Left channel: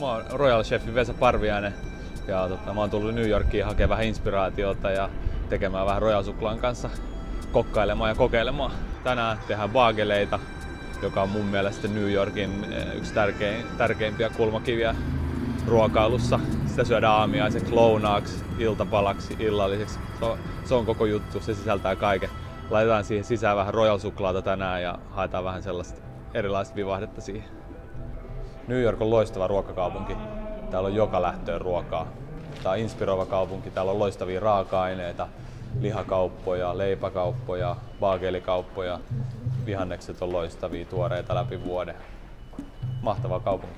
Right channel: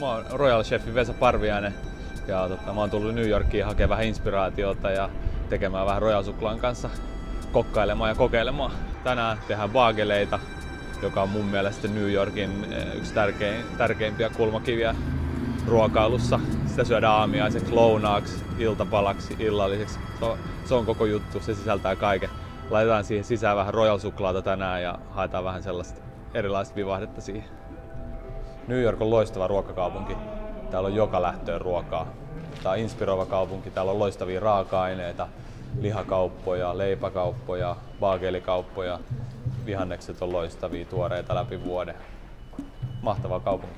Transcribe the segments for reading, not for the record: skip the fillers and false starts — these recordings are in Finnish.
Mä oon Royal Chefi Vesa Parviainen ja mä oon tullut New Yorkiin hakemaan vähän inspiraatiota ja tekemään vähän Royal Suklaan kanssa kokkailemaan ja kokeilemaan. Tänään tehdään baageleita, joka on mun mielestä New Yorkin yksi tärkeimpiä kulmakiviä ruokailussa. Sitä syödään aamiaiseksi, lounaaksi, iltapalaksi, illalliseksi. Se on koko juttu, se sisältää kaiken. Laitetaan siihen sisään vähän Royal Suklaata tänään ja haetaan vähän sellaista erilaista vivahdetta siihen. New York on loistava ruokakaupunki. Täällä on joka lähtöön ruokaa. Tää on inspiroiva kaupunki, täällä on loistavia raaka-aineita, lihakauppoja, leipäkauppoja, baagelikauppoja. Vihannekset on loistavia, tuoreita läpi vuoden. Mahtava kaupunki.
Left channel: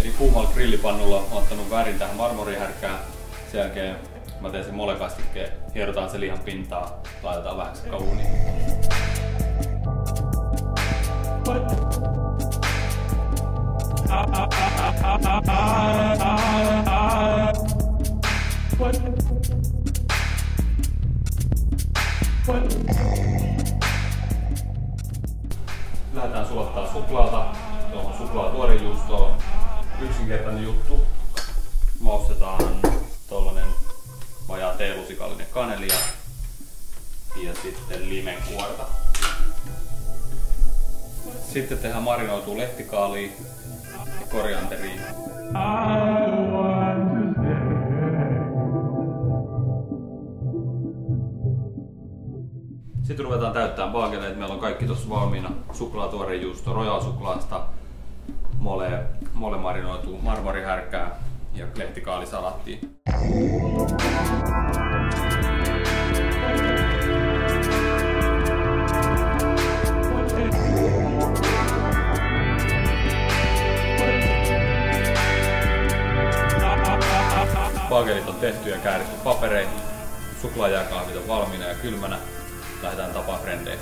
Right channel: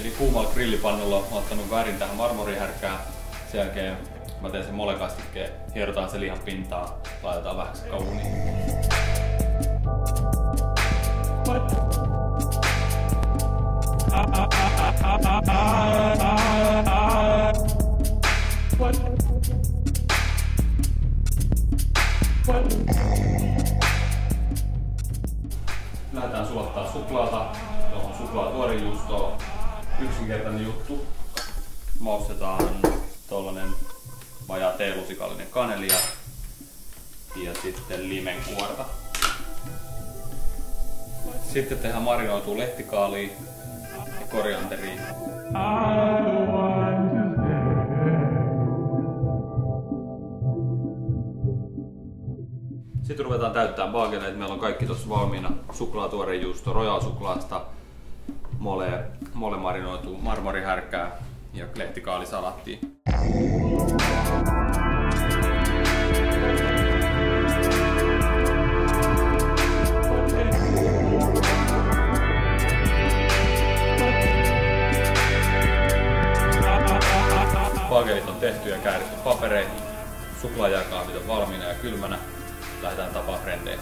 Eli kuumalla grillipannulla olen ottanut värin tähän marmorihärkään. Sen jälkeen mä teen sen molekastikkeen, hierotaan se lihan pintaa, laitetaan vähän kauniin. Lähdetään sulattaa suklaata, tuohon suklaatuorejuustoon. Yksinkertainen juttu. Maustetaan tollanen vajaa teelusikallinen kaneli ja sitten limenkuorta. Sitten tehdään marinoitua lehtikaalia ja korianteria. Sitten ruvetaan täyttämään baageleita. Meillä on kaikki tuossa valmiina. Suklaatuorejuusto, Royal Suklaasta, mole marinoitu marmorihärkää ja lehtikaalisalattia. Baagelit on tehty ja kääritty papereihin. Suklaajääkaahvit on valmiina ja kylmänä. Lähdetään tapaan frendejä.